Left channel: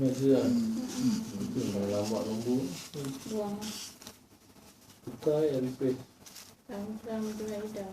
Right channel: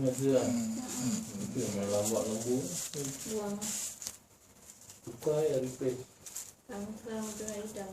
ngày xưa tưởng à? ừ. là làm bọn làm bún buồn coi là đi về làm sao tôi lấy đầu